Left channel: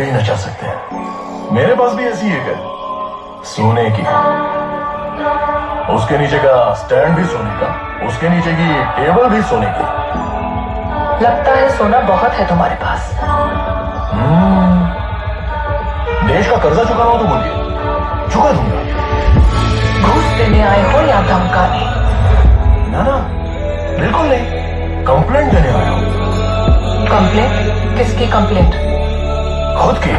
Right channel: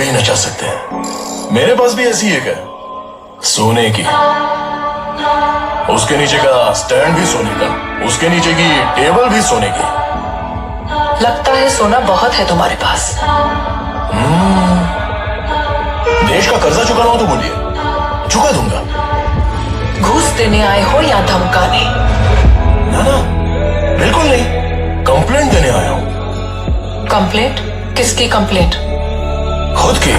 पे ही नचा सकते हैं। मेरे पास भी ऐसी एक है, सोने की। उसके नीचे का स्टैंड भी सोने का, उसके नीचे की टेबल भी सोने की। लगता है सोना बहुत है तुम्हारे पास। देश का कर्जा चुकाना हो तो बोलिए, चुका दूंगा। घूस देने आए हो या धमकाने? ना ना, बिल्कुल नहीं, कंप्लेंट देने आया हूं। कंप्लेंट? किसकी कंप्लेंट? खुद की।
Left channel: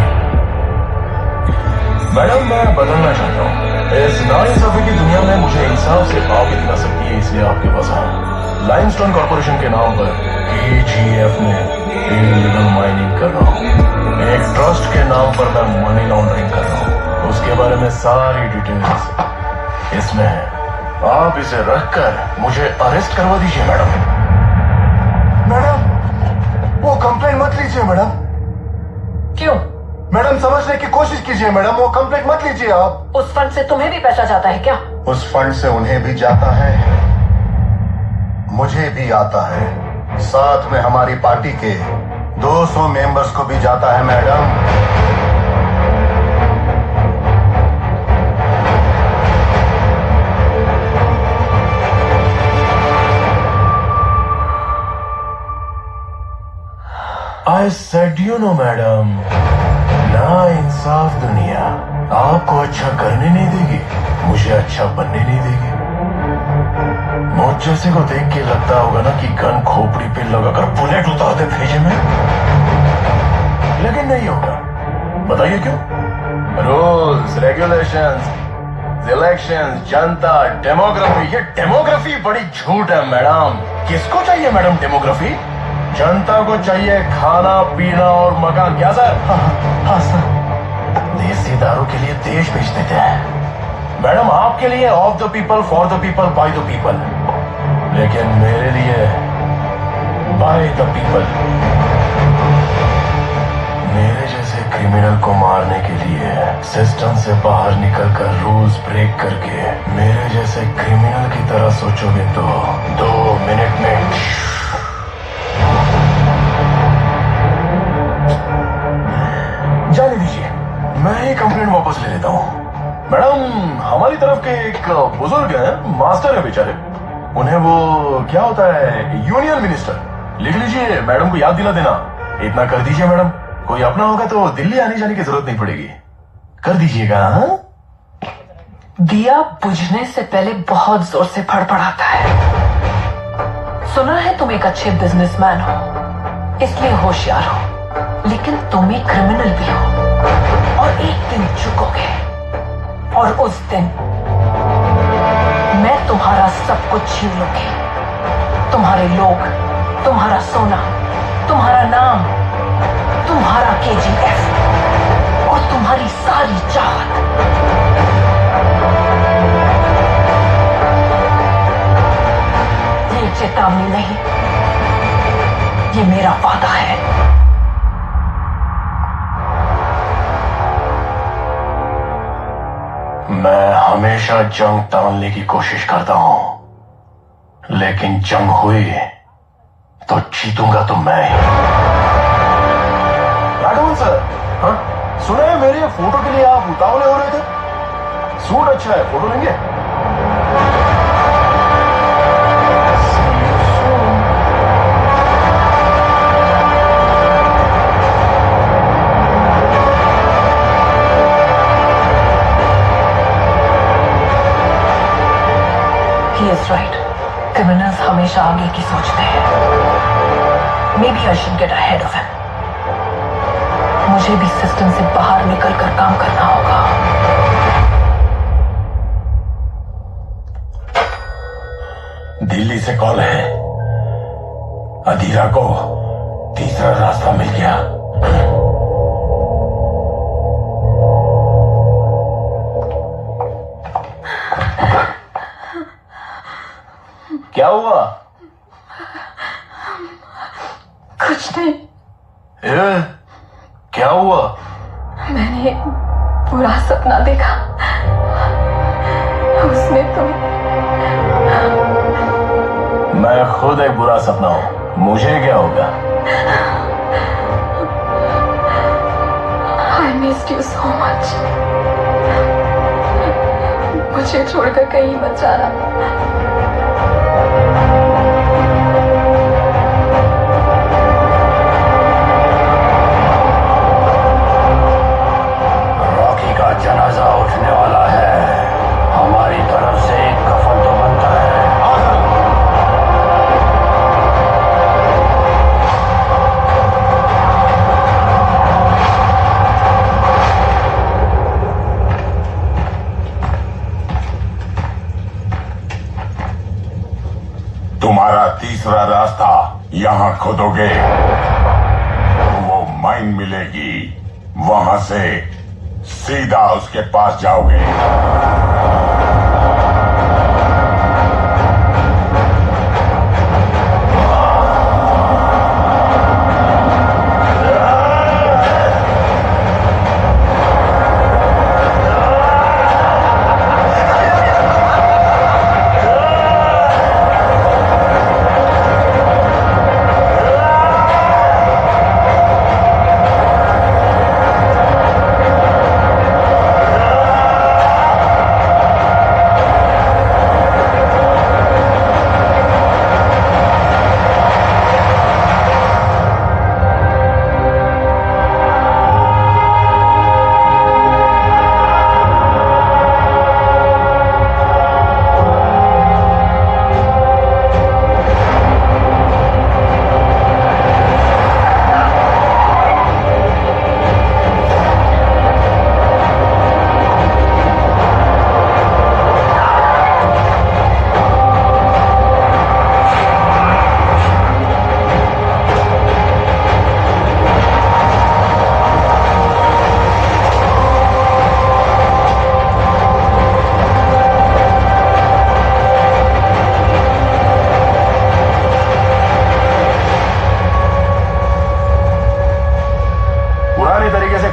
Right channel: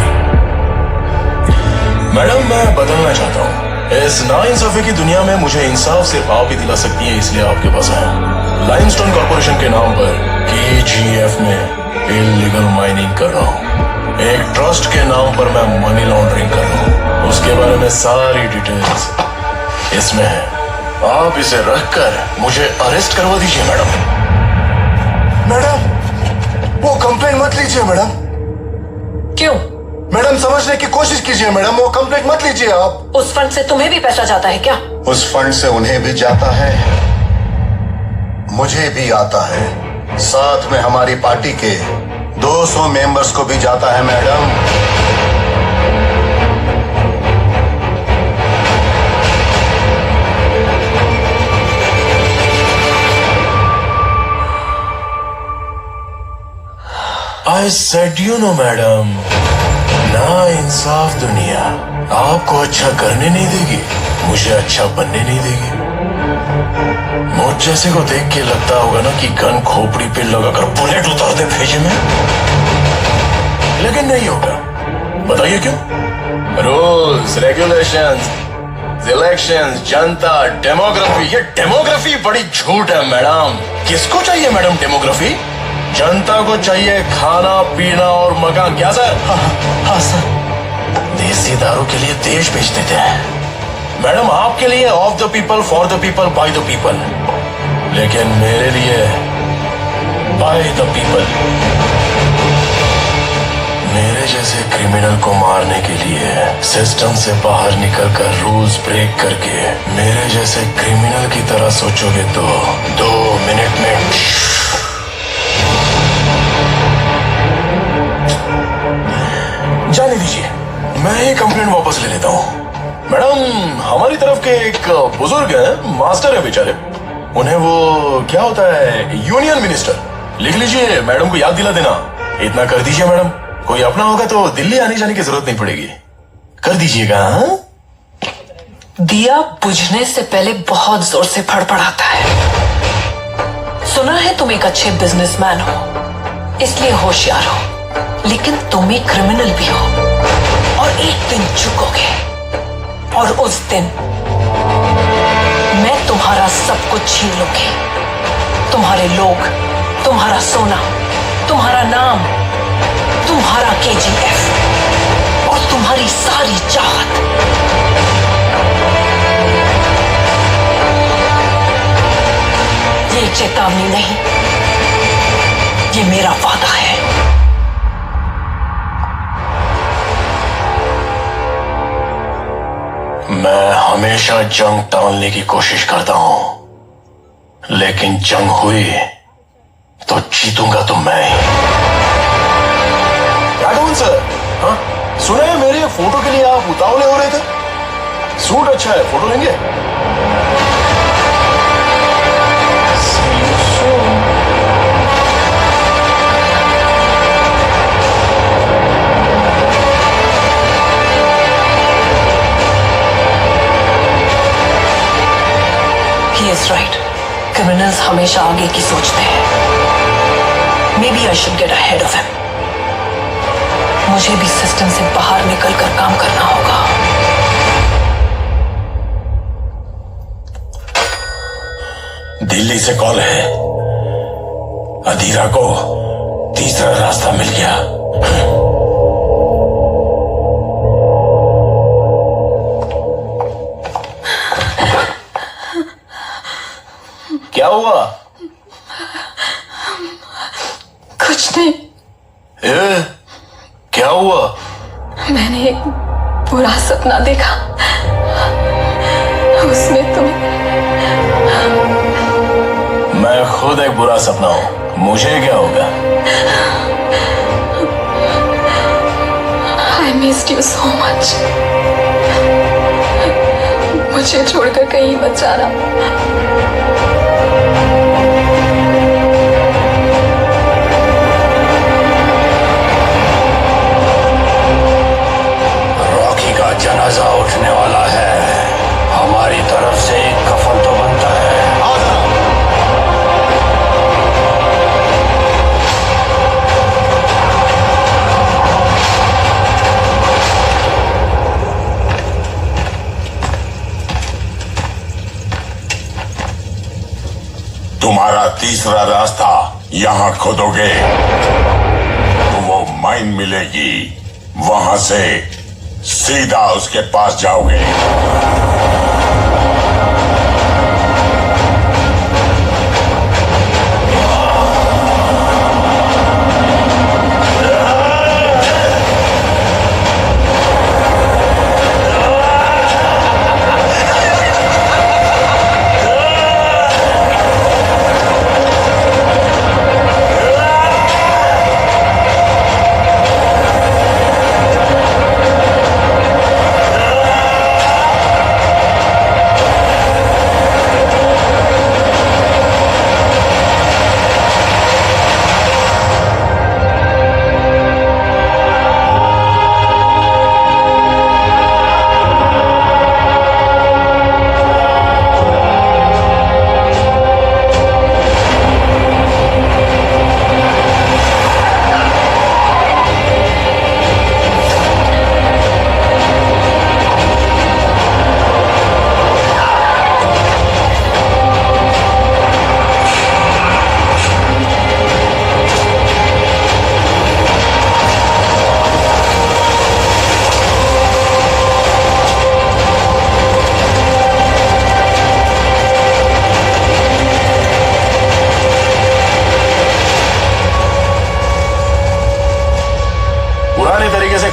मैडम, मैं बदलना चाहता हूँ। इस नाइंसाफी की दुनिया में मुझे इंसाफ सिर्फ आप ही दिला सकती है, इसलिए आपके पास आया। लाइमस्टोन कॉर्पोरेशन के नाम पर KGF में इल्लीगल माइनिंग कर रहा हूँ। एक ट्रस्ट के नाम पर मैं मनी लॉन्ड्रिंग कर रहा हूँ। उसके बारे में सारी डिटेल्स इसमें है। आप इसे रखकर मुझे अरेस्ट करवा दीजिए मैडम। मैडम, वो कंप्लेंट मत लीजिए मैडम। क्यों? मैडम, समझने की कोशिश कीजिए मैडम, वो कंप्लेंट मत लीजिए आप। उस फंड से तुम्हें भी पैसा जाता है क्या? उस फंड से उन्हें भी जाता है, मुझे भी आता है, साथ में हमारी पार्टी के 200 मेंबर्स को भी जाता है madam. I said you know madam, ना इंसाफ दुनिया आपको अच्छा करने नहीं देगी, मुझे अच्छा बनने नहीं देगी। मुझ जैसे को देख के लगता होगा ना कि गन खोपड़ी पे लगाकर बुलेट उतार दे भेजे में, लेकिन नहीं होगा। बताइए क्यों? रूल्स, रेगुलेशंस, इलेक्शंस, जनता, डेमोग्राफी। ये डेमोग्राफी बड़ी झूठ है मैडम। किसको चाहिए मैडम डेमोग्राफी? जनता को चाहिए खाना पीना और मकान। क्या सर? हाँ सर। देसी दारू के लिए देश बेच देते हैं मैडम, आपके लिए of the people, for the people, by the people, लेकिन मेरे लिए बाय द पीपल। मेरे जैसे क्रिमिनल को मारने के लिए सिस्टम से बाहर निकलकर रूल्स ब्रेक करके मेरे जैसे क्रिमिनल की तरह सोचोगे तो 2 मिनट में जाने दीजिए, मैं ये कंप्लेंट वापस ले लेता हूँ। मैडम, हमारी तरफ के एक बुजुर्ग हैं, मास्टर है बेचारे, उन्हें वो क्या होता है, यूनियन मिनिस्टर। लिख लीजिए, मैडम को याद दिला देना। इतना कर दीजिए मैडम, कोई अपना होगा तो दिल्ली आने जाने की जरूरत नहीं पड़ेगी। कर दीजिएगा। हाँ? दिया बुझने से पहले बहुत जोर से फड़फड़ाता है। सुना है तुम एक अच्छे बिजनेसमैन हो, इसलिए होशियार हो, लेकिन तुम एक क्रिमिनल भी हो। और एक दिन चुकोगे, और उस दिन मैं तुम्हारा सब कुछ छीन लूंगी। तुम्हारे लोग, तुम्हारा सोना, तुम्हारा नाम, तुम्हारा KGF और तुम्हारी सारी चाहत। ये चेतावनी नहीं, ये मेरा वादा है। मैं हमेशा जंग टालने की कोशिश करता हूं, लेकिन जंग हुई तो जीतूंगा तो मैं ही। सर, हाँ? सुना है मेरे फोटो के लिए आप उतावले हो रहे थे। सूट अच्छा है, फोटो लेंगे? He is right. Criminals हमेशा आगे की सोचते हैं। Maybe I should get ahead of him. मुझे भी सिस्टम से बाहर निकलकर काम करना होगा। दिल्ली से कॉल है, अधीरा को तीसरा रास्ता मिल गया। क्या हुआ? कुछ नहीं। क्या हुआ? मैंने एक बुरा सपना देखा, उसमें तुम। मैं खुद एक बुरा सपना हूं, मुझे क्या होगा? I missed you so much. मुझे छोड़कर कहीं मत जाना। रॉकी का जनाजा उठने वाला है, हमारी तरफ से एक कफन तो बनता है। तुम्हारा तीसरा रास्ता यहाँ खोदोगे तो वो माइन मिलेगी, वहां से सीधा उसके पास जाओगे।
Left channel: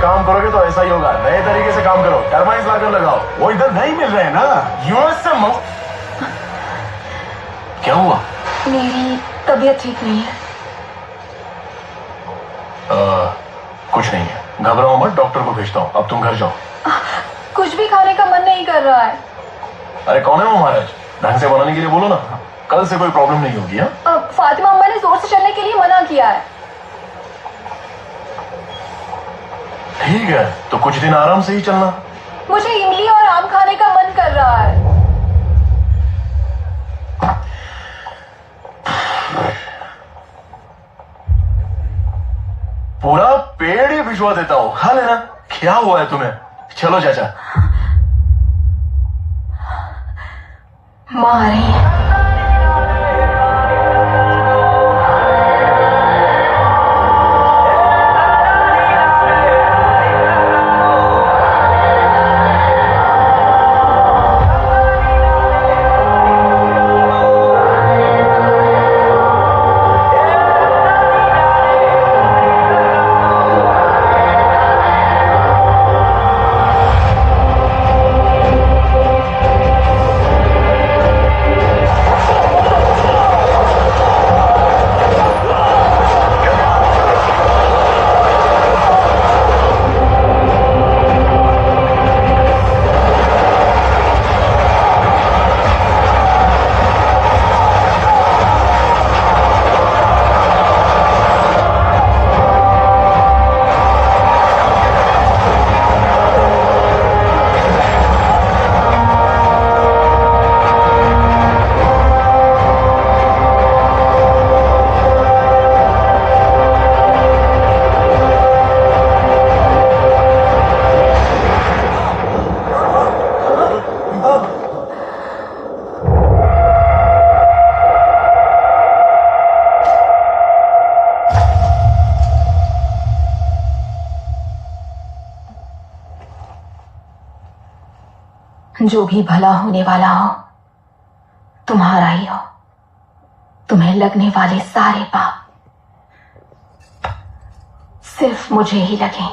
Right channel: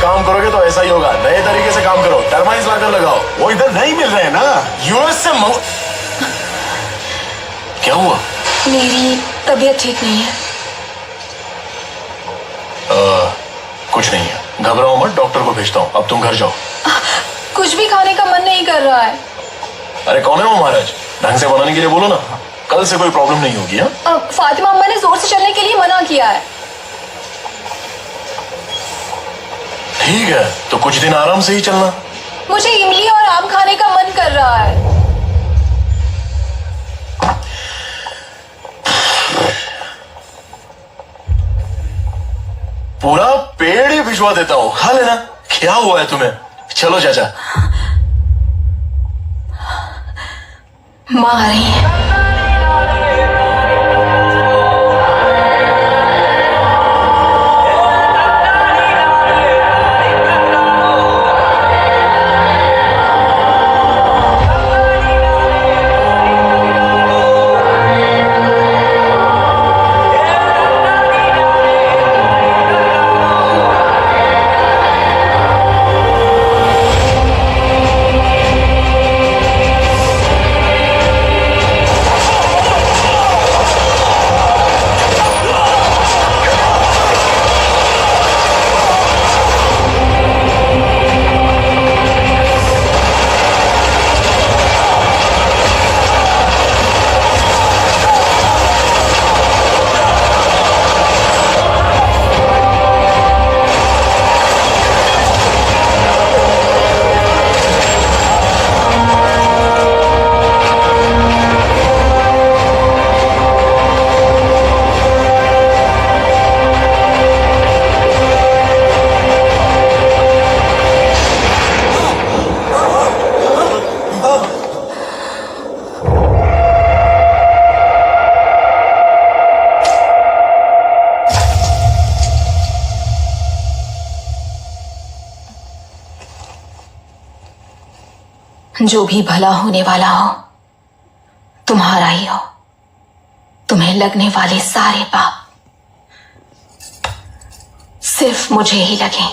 काम करोगे तो ऐसा ही होगा। नए तरीके से काम करो, टर्माइंस लाकर लगाओ। वो इधर नहीं मिल रहे ना, यूएस से क्या हुआ? मेरी तबीयत ठीक नहीं है। कुछ नहीं है, घबराओ मत, डॉक्टर को भेजता हूँ। अब तुम घर जाओ। कुछ भी खाने का मन नहीं कर रहा है। अरे कौन है वो महाराज? ढंग से बनाने के लिए बोलो ना, कल से कोई प्रॉब्लम नहीं होगी। फातिमा अम्मा ने जोर से चलने के लिए मना किया है। ठीक है, तो कुछ दिन आराम से ही चलना। मुझे इमली और आम खाने का मन कर रहा है। पूरा पेड़ ही भिजवा देता हूँ, खा लेना। क्या हुआ है तुम्हें? चलो चाचा। माँ आ रही है। जो भी भला होने वाला हो तुम्हारा ही हो। तुम्हें लगने वाले सारे पाप सिर्फ मुझे ही लगे।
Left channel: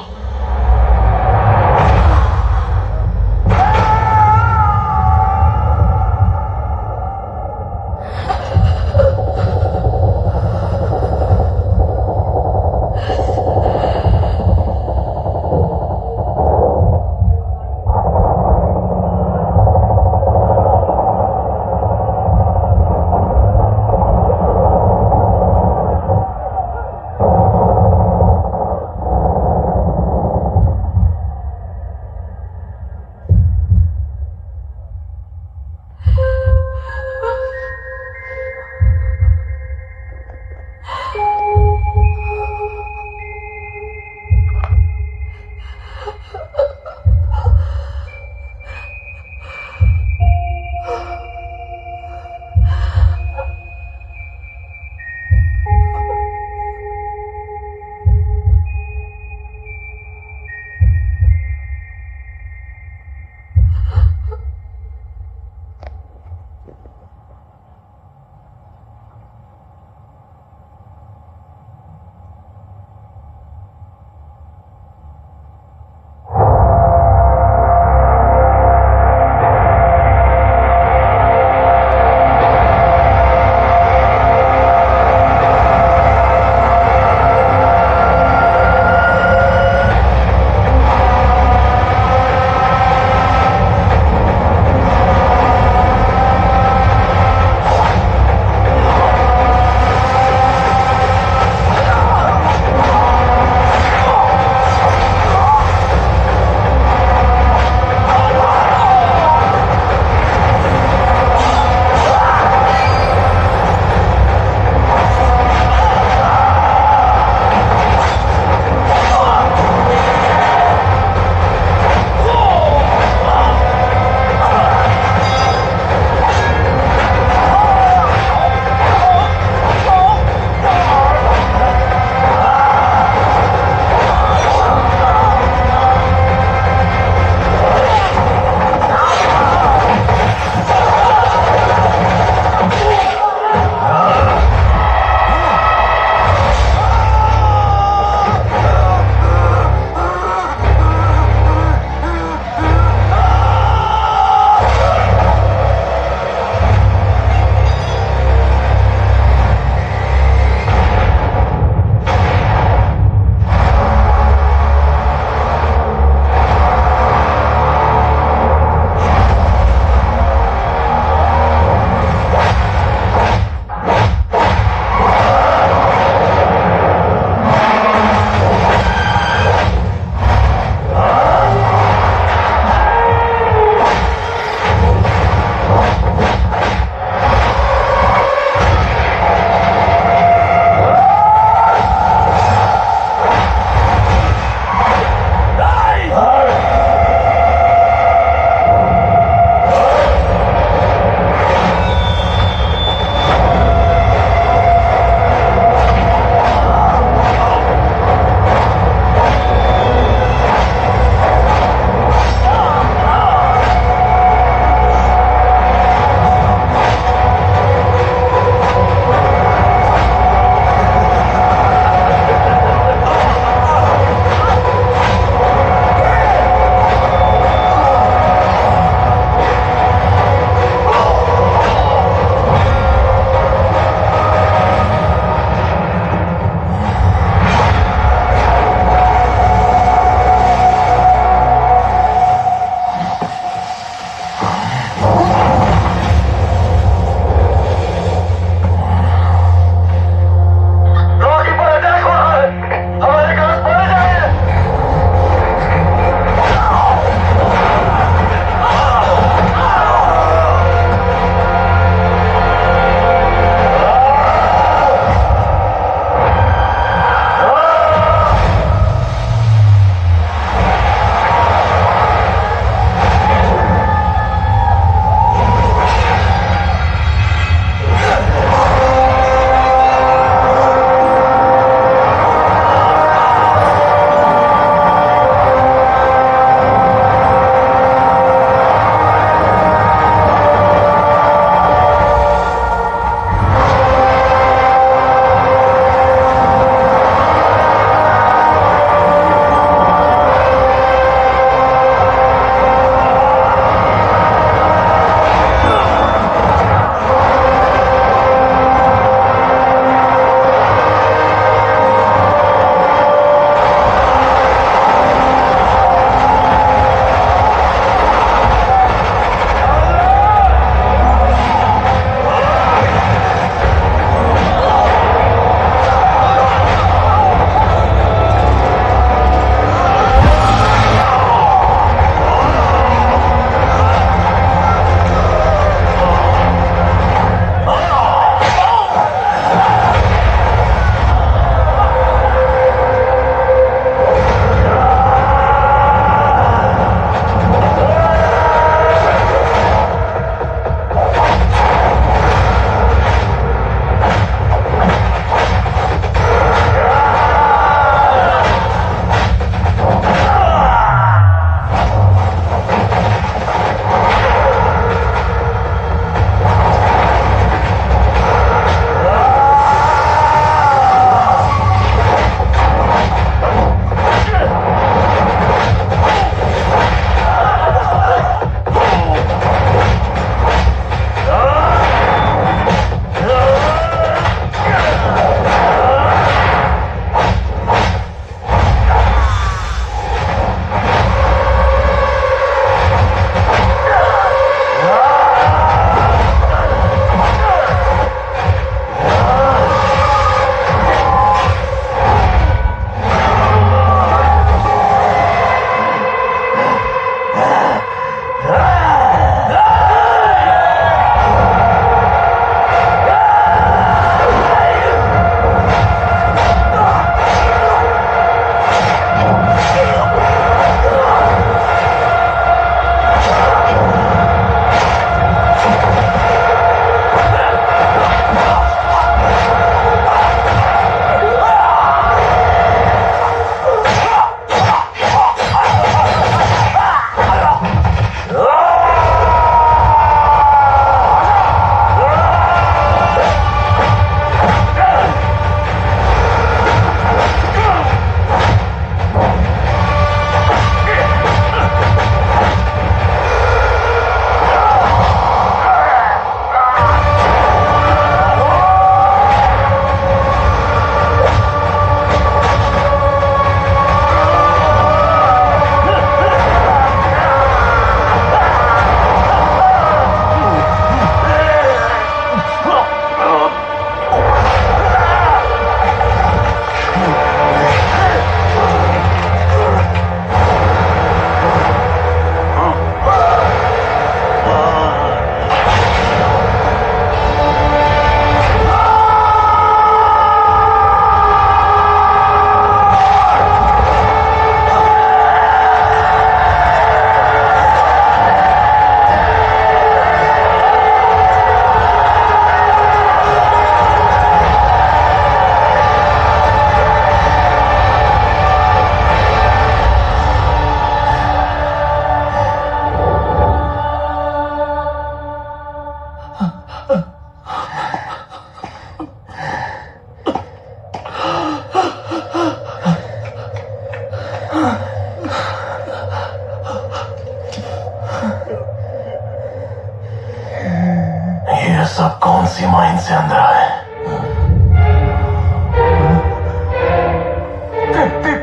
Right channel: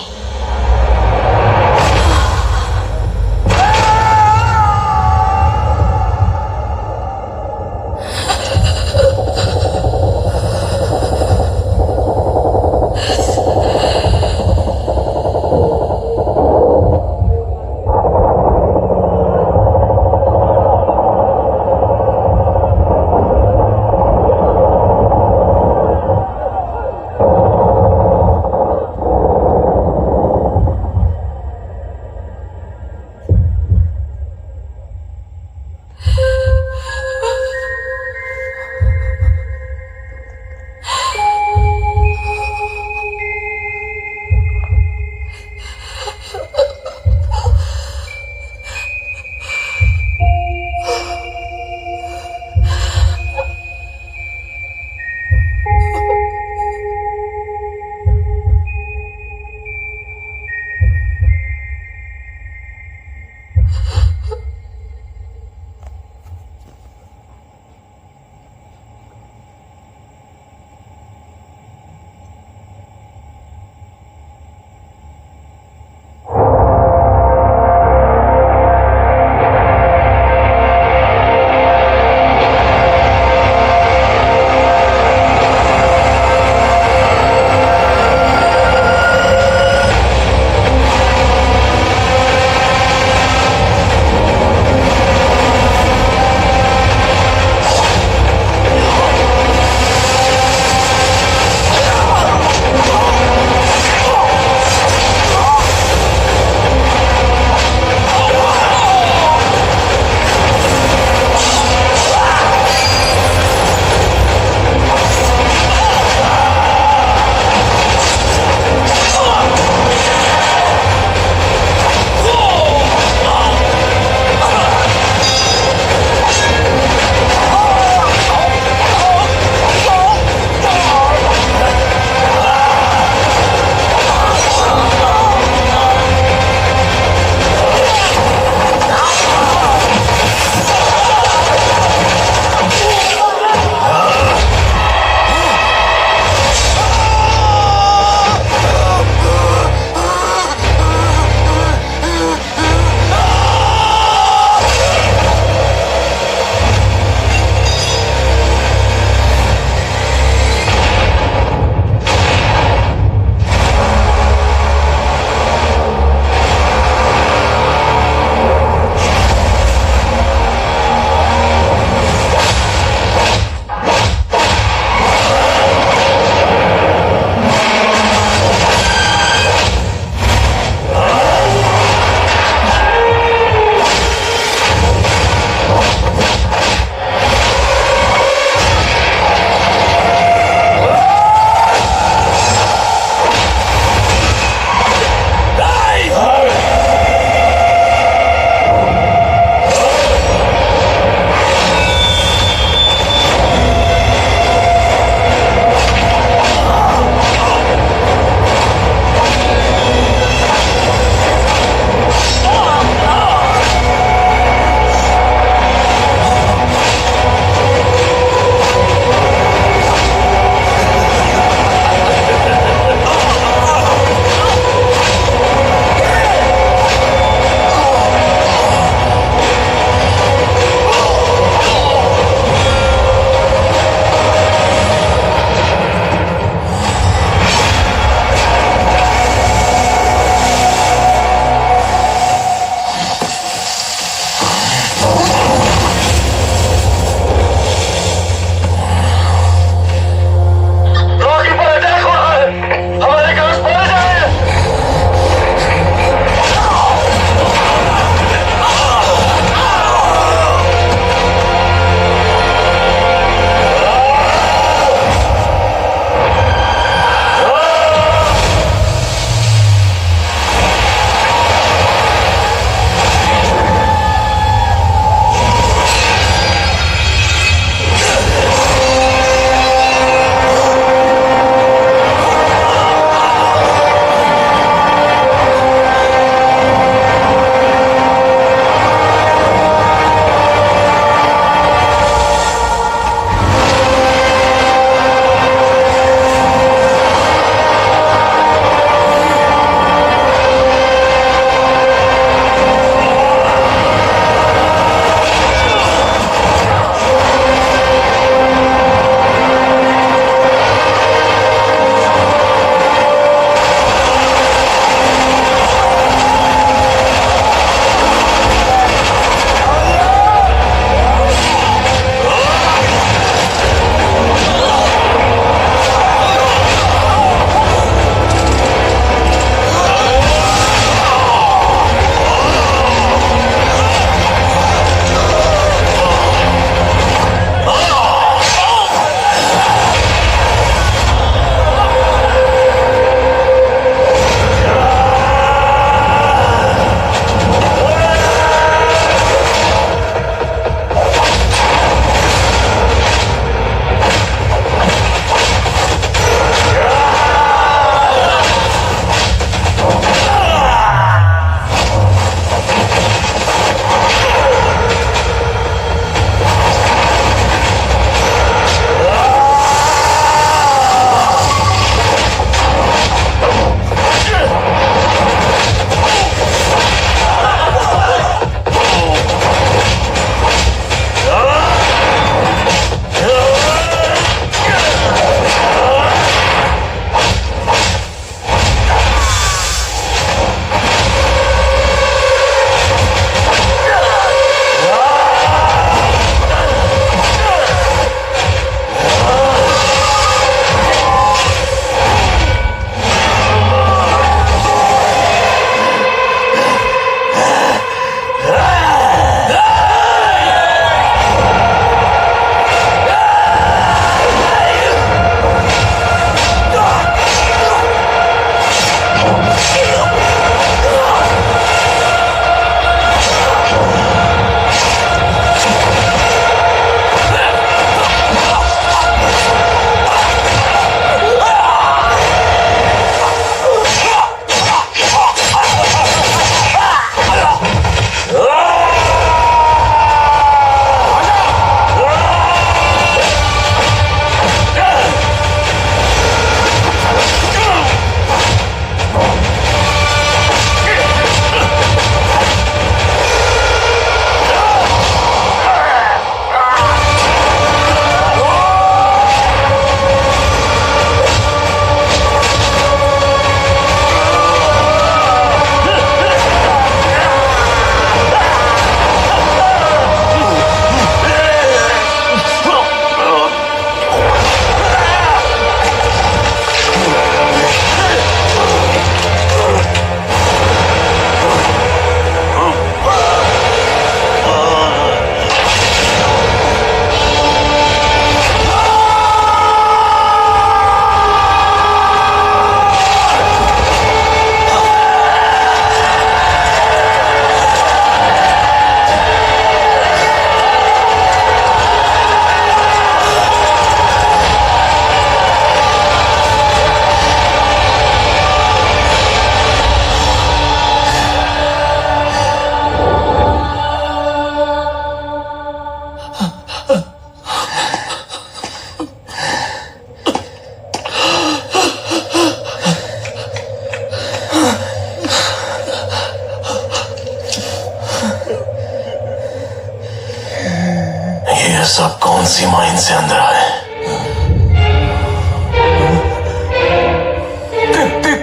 सब कौन सी माइन से अंदर आए?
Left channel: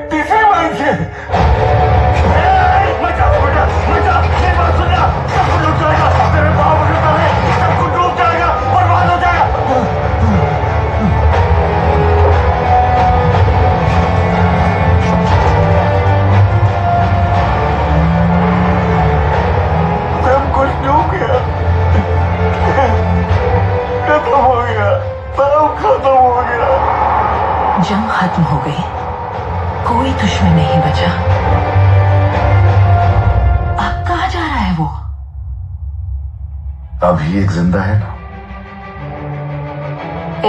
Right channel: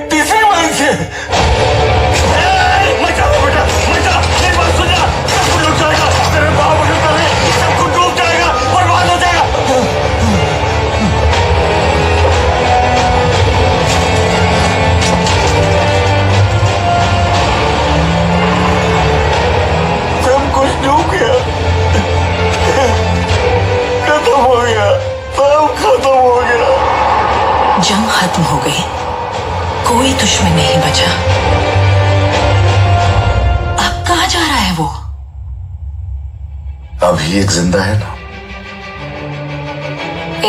तीसरी माइन से। मचा बेटा, मचा, मेरी बात सुनना, सब कुछ रुक जाएगा, तेरे बाप को रुक जाएगा, सब कुछ डूब जाएगा, बर्बाद हो जाएगा। सब कुछ डूब गया, खत्म हो गया, सब खत्म हो गया। जंग खत्म हो गई, कोई दुश्मन नहीं बचा। अब कहाँ जा रहा है वो? अभी एक जिंदा है ना।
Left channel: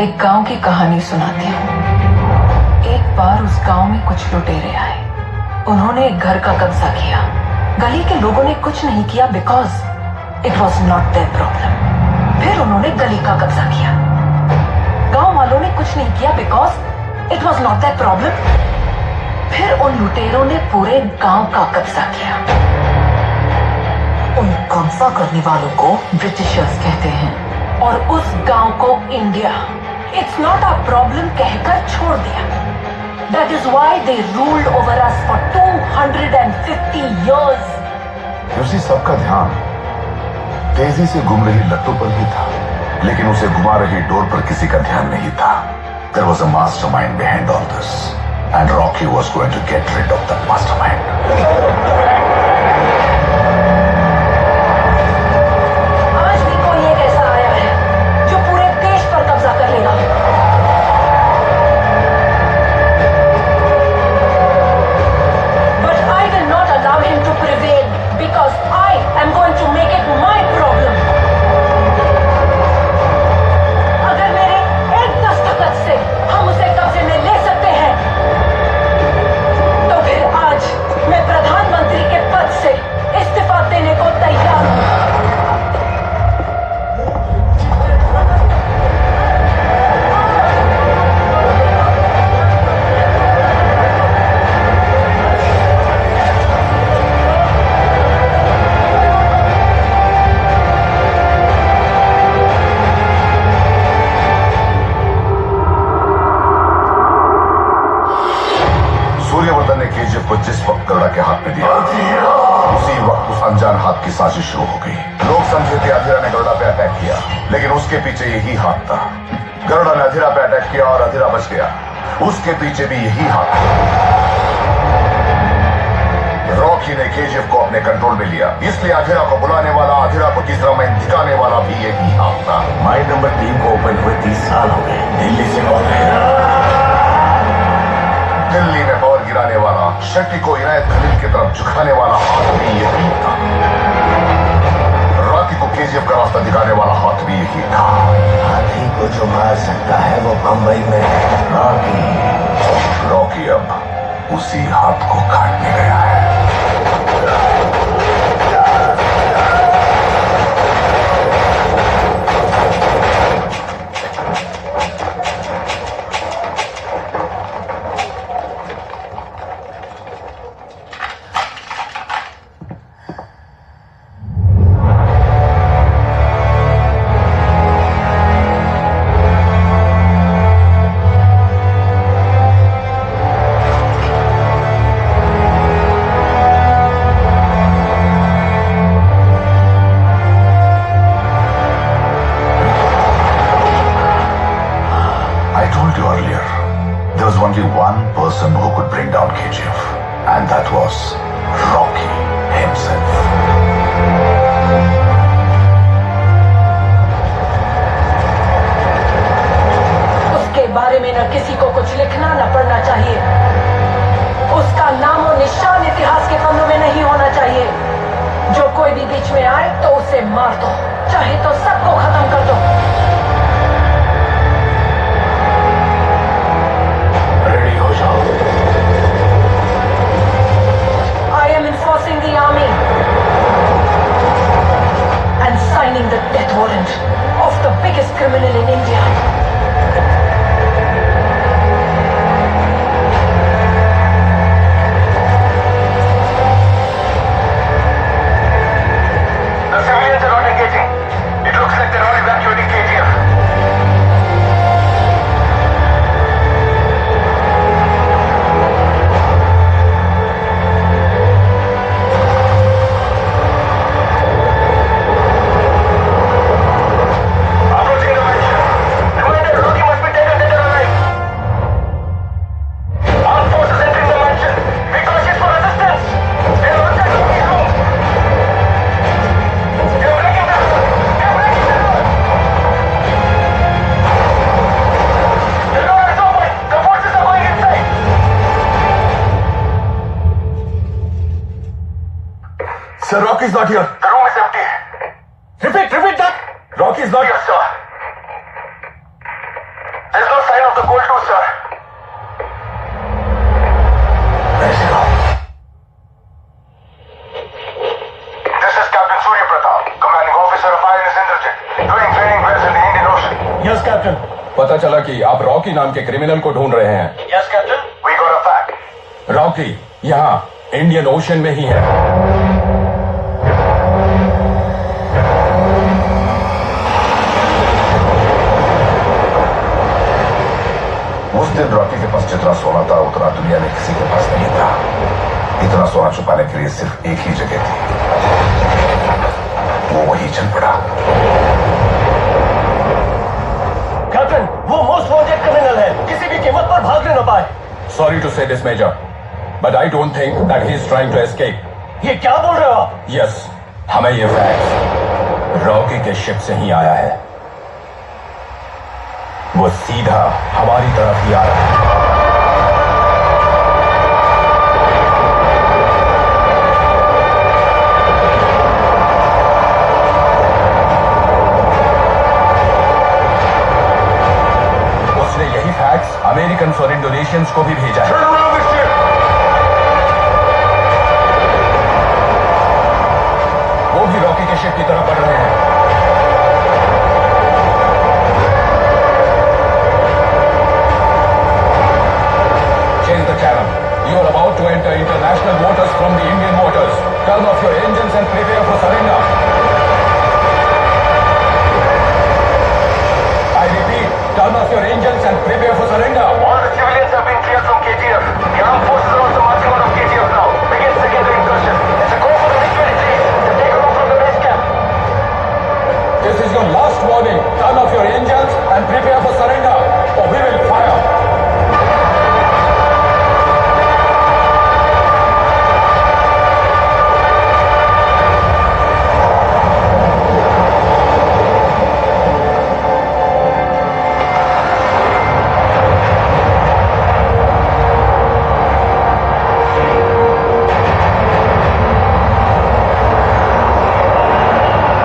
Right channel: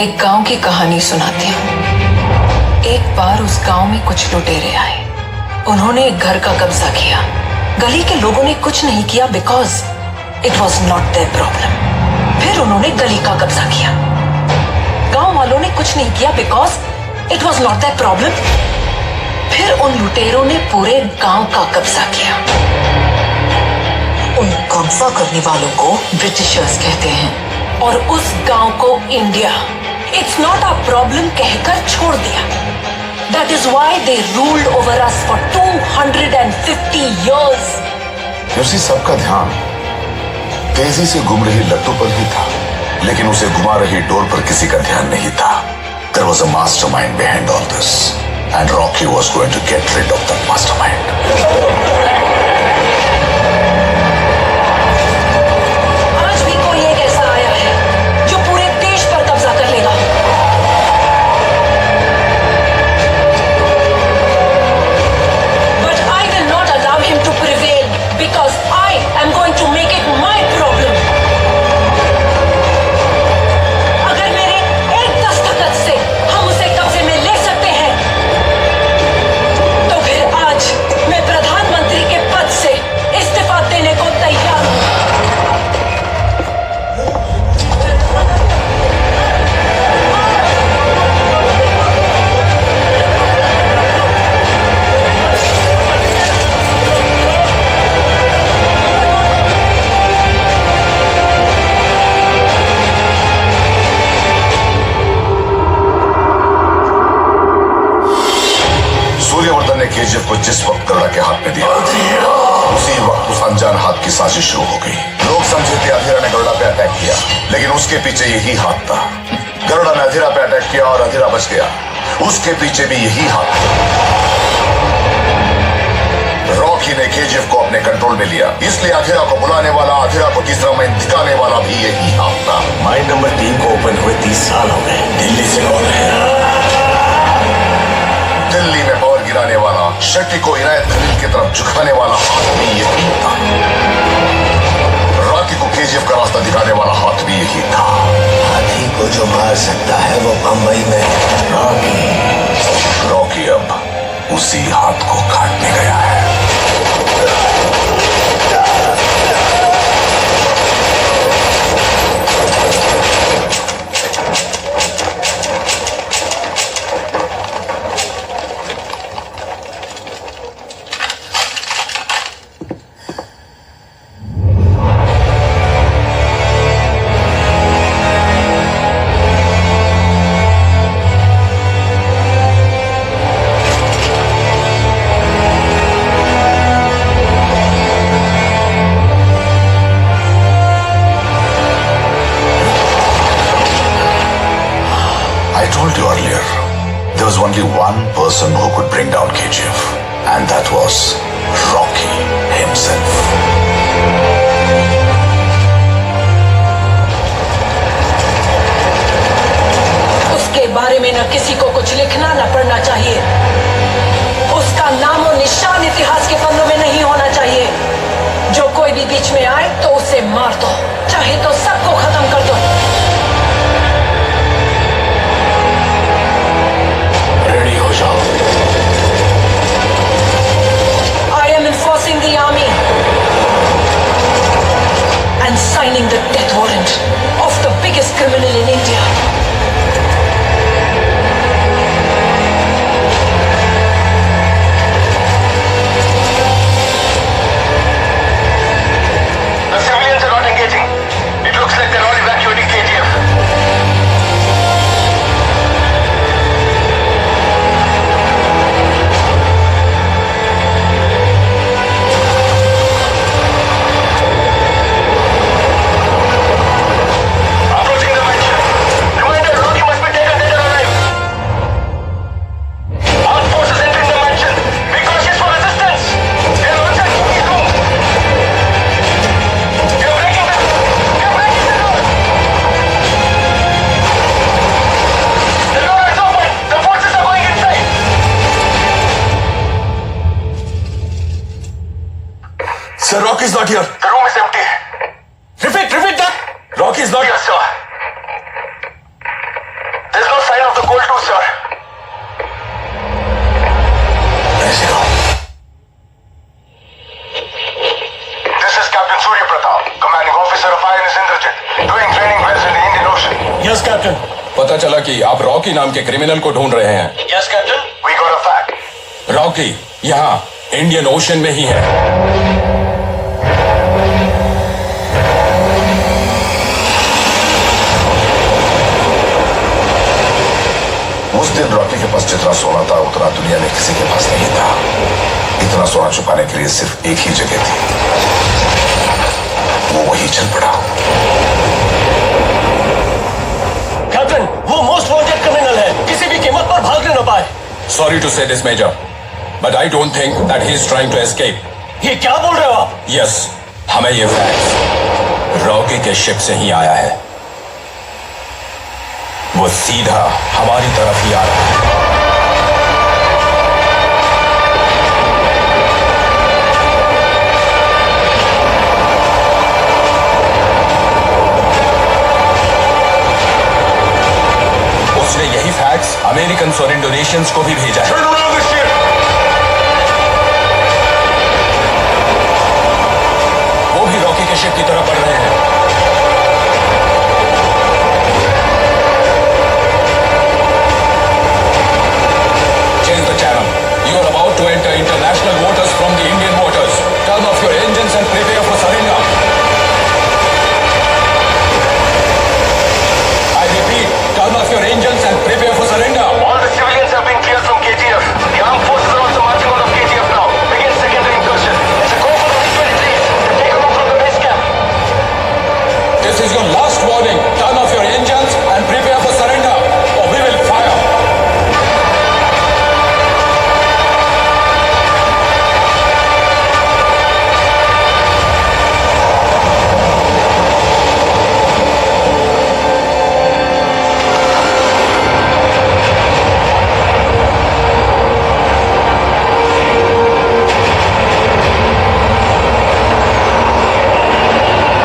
एक गांव की कहानी सुनाती हूँ। एक बार उस गांव में कुछ लुटेरे आए। उन्होंने एक घर का कब्जा किया। गली के लोगों ने कुछ नहीं किया because it was not their problem. फिर उन्होंने गली का कब्जा किया। गांव वालों ने कुछ नहीं किया because it was not their problem. फिर उन लुटेरों ने पूरे गांव का कब्जा किया। उन कब्जा करने वालों को ब्रिटिशर्स कहते हैं और उस गांव को India it's not a problem कहकर छोड़ दिया। That is why they ruled over us for 250 years। उसी सबका ध्यान तेजी से घूम रही लट्टू पर ही था, लेकिन उसे घुमा रही डोर पर किसी का ध्यान नहीं था। There was a mastermind behind all this, and Rocky was going to get rid of that mastermind. आज भी कोई एक ऐसा आया है जो पूरे देश पर कब्जा कर लेगा। But I will not allow him to prevail because I am going to make it my problem. अगर मेरे एक दस्तखत से हम उसे कब्जे में ले सकते हैं, तो फिर आज मैं प्रधानमंत्री के पद से इस्तीफा देने को तैयार हूं। सूर्यवर्धन ने केजीएफ को जिस वक्त गरुड़ा के हाथ में दिया, उसी वक्त उस अनजान हाथ की साजिश शुरू हो गई। लोग समझे कि अधीरा ने गरुड़ा पे अटैक किया, लेकिन उसके पीछे यही हाथ था। गरुड़ा ने अधीरा पे अटैक किया और अधीरा बच गया, उसके पीछे भी यही हाथ। रॉकी ने केजीएफ को अपने कंट्रोल में लिया, इसलिए अधीरा को बुलाने वाला, अधीरा को तीसरा मैन दिखाने वाला भी यही हाथ था। माइन नंबर 3 को ओपन हुए 30 साल हो गए। दिल्ली से कौन है? दिल्ली में पावर गिराने वाला, शक्ति को इनायत खलील की तरफ झुकाने वाला भी यही था। रॉकी को केजीएफ का रास्ता दिखाने वाला हाथ भी यही था। हाथी को जो मार सकता है वो बंबई में रॉकी अब उसी हाथ को काटने गया है। There was only one person who could bring down KGF, and that was Rocky himself. उसके बारे में न किसी को कुछ लिखना न पढ़ना चाहिए। उसका नाम और निशान इतिहास के पन्नों में नहीं होना चाहिए। जो कोई भी बीच में आए तो उसे मार दो, चाहे तो सबको खत्म कर दो। रेडी हो जाओ। I am enforcing the army and signing the death warrant of the biggest criminal in India. Sir, Rocky's not here. The room is empty. Repeat that. Rocky's not. Yes, sir. There's no sign of the cold too, sir. Where is he going? This is Captain Surya Pratap, commanding officer of INS Indrajit, doing training wells in the Indian Ocean. Yes, Captain. पता चला कि आप Rocky नाम के criminal को ढूंढ रहे हैं. Yes, Captain. We got a fact. Rocky यहाँ इंडियन ओशन में ही है. उस दिन रॉकी के पास जितना सोना था उतना दुनिया में किसी के पास नहीं था. इतना सोना छुपाने के लिए सिर्फ एक ही जगह थी. वो वही चल पड़ा. कैप्टन, वो मोस्ट वांटेड क्रिमिनल है. किसी भी कीमत पर भागने न पाए. Sorry to say this, Major, but I don't think that he is trying to escape. ये क्या बोल रहे हो आप? Yes, हमें ये फैक्स रॉकी के शिप से ही आया है. वो सीधा हमारी तरफ ही आ रहा है. उसने यही फैक्स अमेरिकन और इंडोनेशियंस को भी भेजा है. वो भी रॉकी के शिप की तरफ बढ़ रहे हैं. Change the channel. You are about to enter international waters from the Indian waters. Turn off your engines and prepare for surrender. I repeat, turn off your engines and prepare for surrender. All the civilians have been cleared from KGF. The armed forces are also marching out of KGF now. Begin secondary incursion. So go for the MiG-23s and take them from the base camp. This is your last warning. Turn off your engines and prepare for surrender, or we will fire.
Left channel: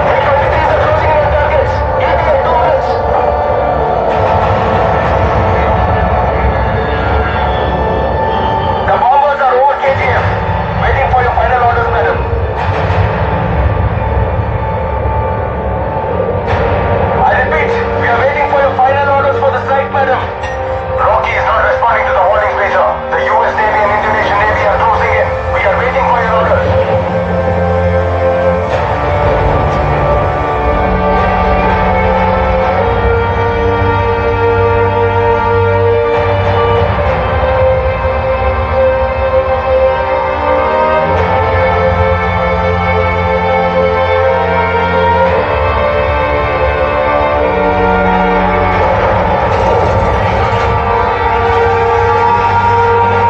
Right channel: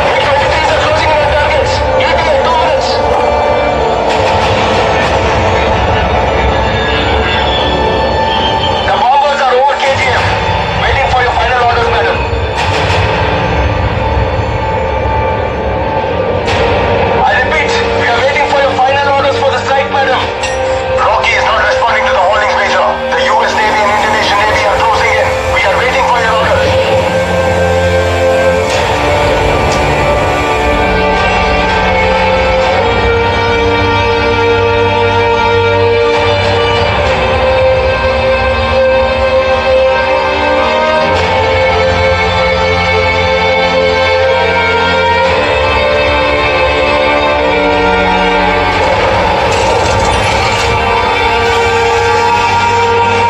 MiG-23s are closing in on targets. Give me your 2 minutes. The bombers are over KGF. Waiting for your final orders, madam. I repeat, we are waiting for your final orders for the strike, madam. Rocky is not responding to the warnings, Major. The US Navy and Indonesian Navy are closing in. We are waiting for your orders.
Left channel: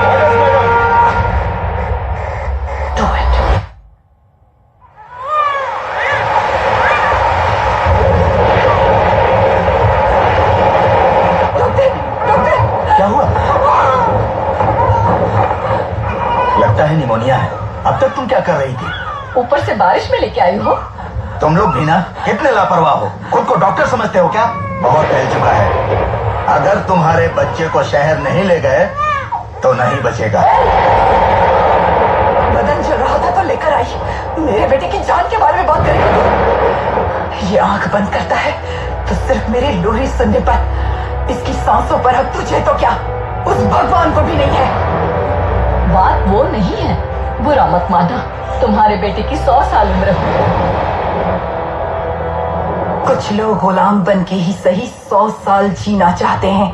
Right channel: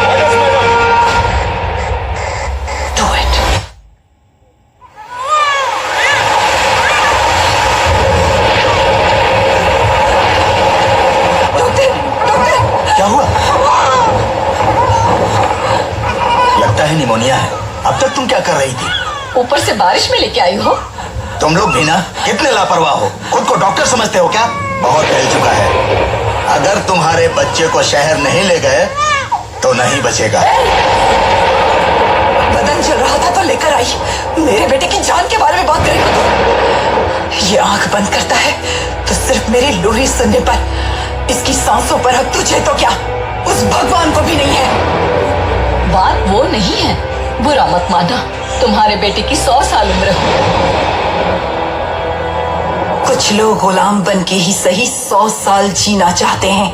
Orders, madam. Do it. क्या हुआ? लगता है pneumonia है. अब तक तुम क्या कर रही थी? ऊपर से बारिश में लेके आई हो. तुम लोग भी ना कितने लापरवाह हो. खुद को डॉक्टर समझते हो क्या? बहुत फैल चुका है. अगर तुम्हारे बच्चे को शहर नहीं ले गए तो नहीं बचेगा. बदन जल रहा था तो लेकर आई. मेरे बेटे की जान के बारे में बात करेगा तू? ये आंख बंद करता है तो सिर्फ मेरी लोरी सुनने पर. इसकी सांसों पर हक तुझे तो क्या, उस भगवान को भी नहीं है. बात वो नहीं है, बुरा मत माना. तुम्हारे बेटे की 100 साल उम्र है. कुछ लोग गुलाम बन के ही सही 100 साल जीना चाहते हैं,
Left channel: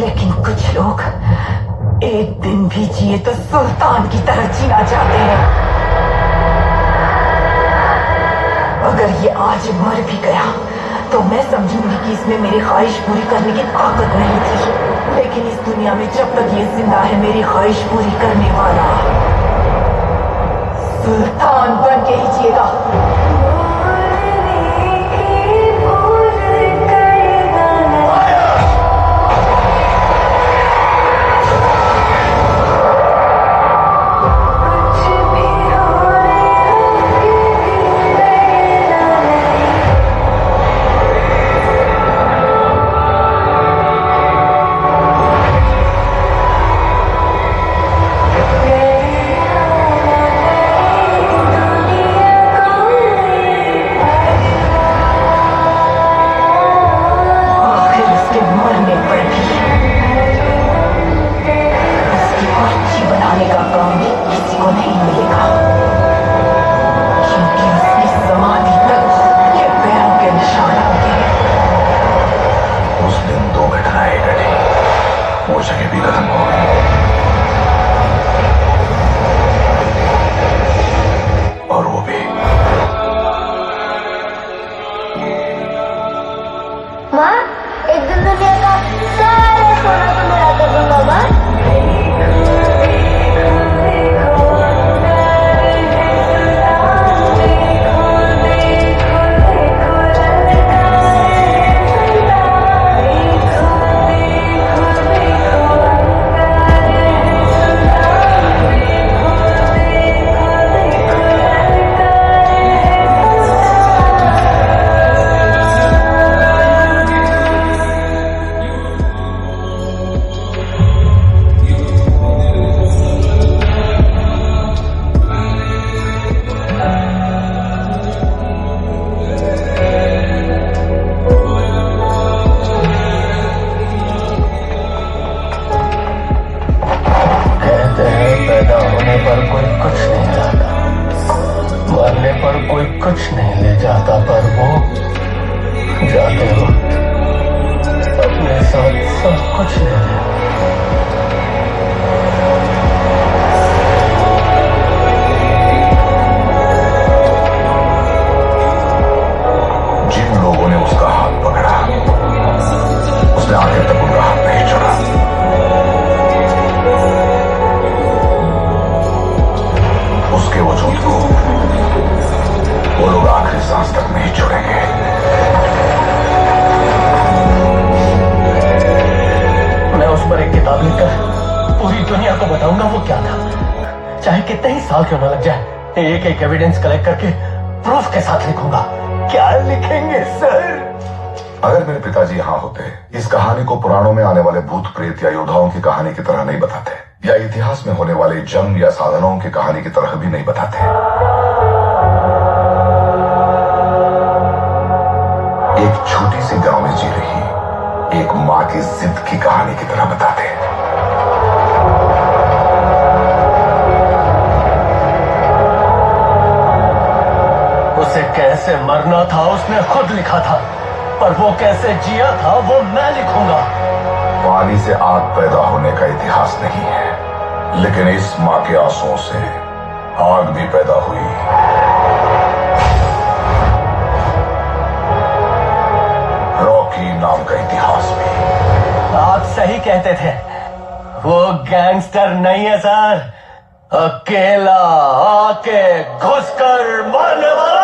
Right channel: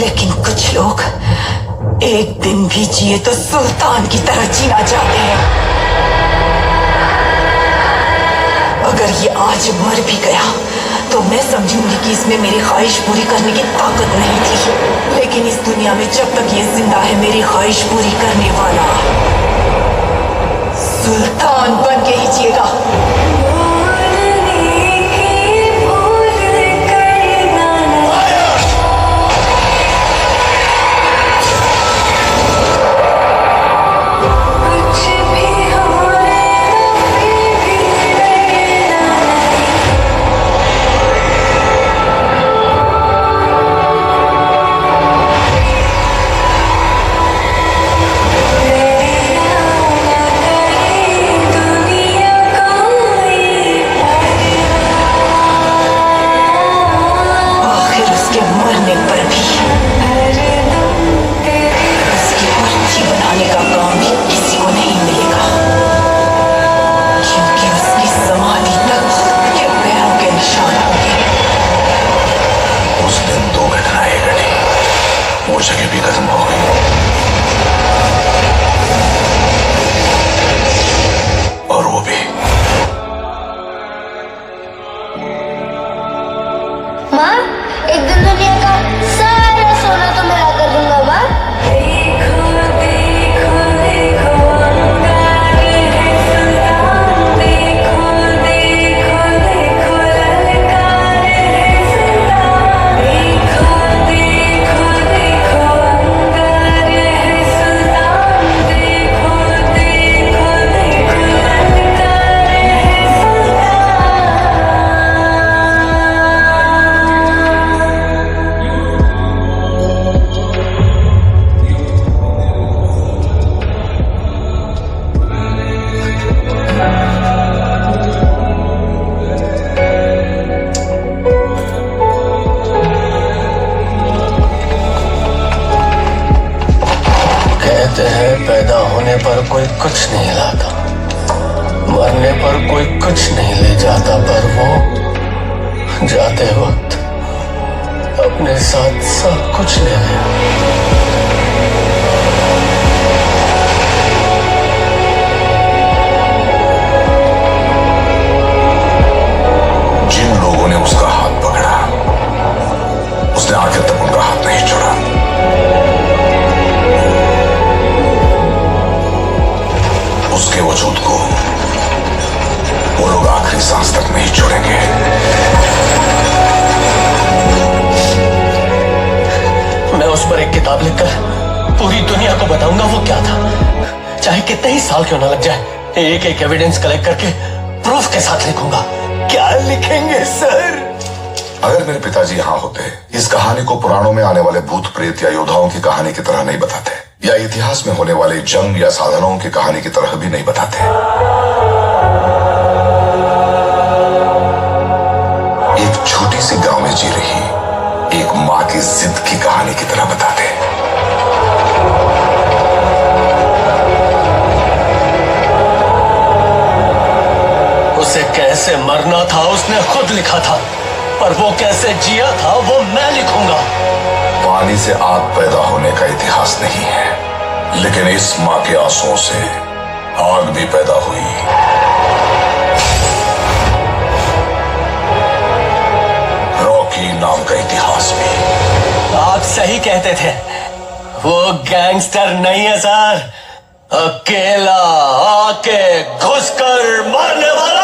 लेकिन कुछ लोग एक दिन भी जिए तो सुल्तान की तरह जीना चाहते हैं. अगर ये आज मर भी गया तो मैं समझूंगी कि इसमें मेरी ख्वाहिश पूरी करने की ताकत नहीं थी. लेकिन इस दुनिया में जब तक ये जिंदा है, मेरी ख्वाहिश पूरी करने वाला सुल्तान बन के ही जिएगा. कुछ भी हो कुछ नहीं लाता, मरने पर कोई कुछ नहीं ले जाता, पर वो जाते वक्त अपने साथ सब कुछ ले गए। जिन लोगों ने उसका हाथ पकड़ा, उसने आखिर तक उनका हाथ नहीं छोड़ा। उसके वजूद को वो लोग आखिरी सांस तक नहीं छोड़ेंगे। मैं उस पर एक किताब लिखकर पूरी दुनिया को बताऊंगा वो क्या था, चाहे कितने ही साल क्यों ना लग जाए। एक एक एविडेंस कलेक्ट करके प्रूफ के साथ लिखूंगा। क्या लिखेंगे सर? अगर मेरे पिताजी यहां होते, इस कहानी को पुराणों में आने वाले भूत प्रेत या योद्धाओं की कहानी की तरह नहीं बताते, या इतिहास में होने वाले जंग या साधनों की कहानी की तरह भी नहीं बताते। एक छोटी सी गांव में जी रही एक मां की जिद की कहानी की तरह बताते। उसे कैसे मरना था उसने खुद लिखा था, और वो कैसे जिया था वो मैं लिखूंगा। पानी से आग पैदा होने का इतिहास नहीं है, लेकिन इस मां के आंसुओं से आग भी पैदा हुई। रॉकी नाम का इतिहास भी। आप सही कहते थे, वो गैंगस्टर नहीं है सर, अकेला आके घुसकर मारने वाला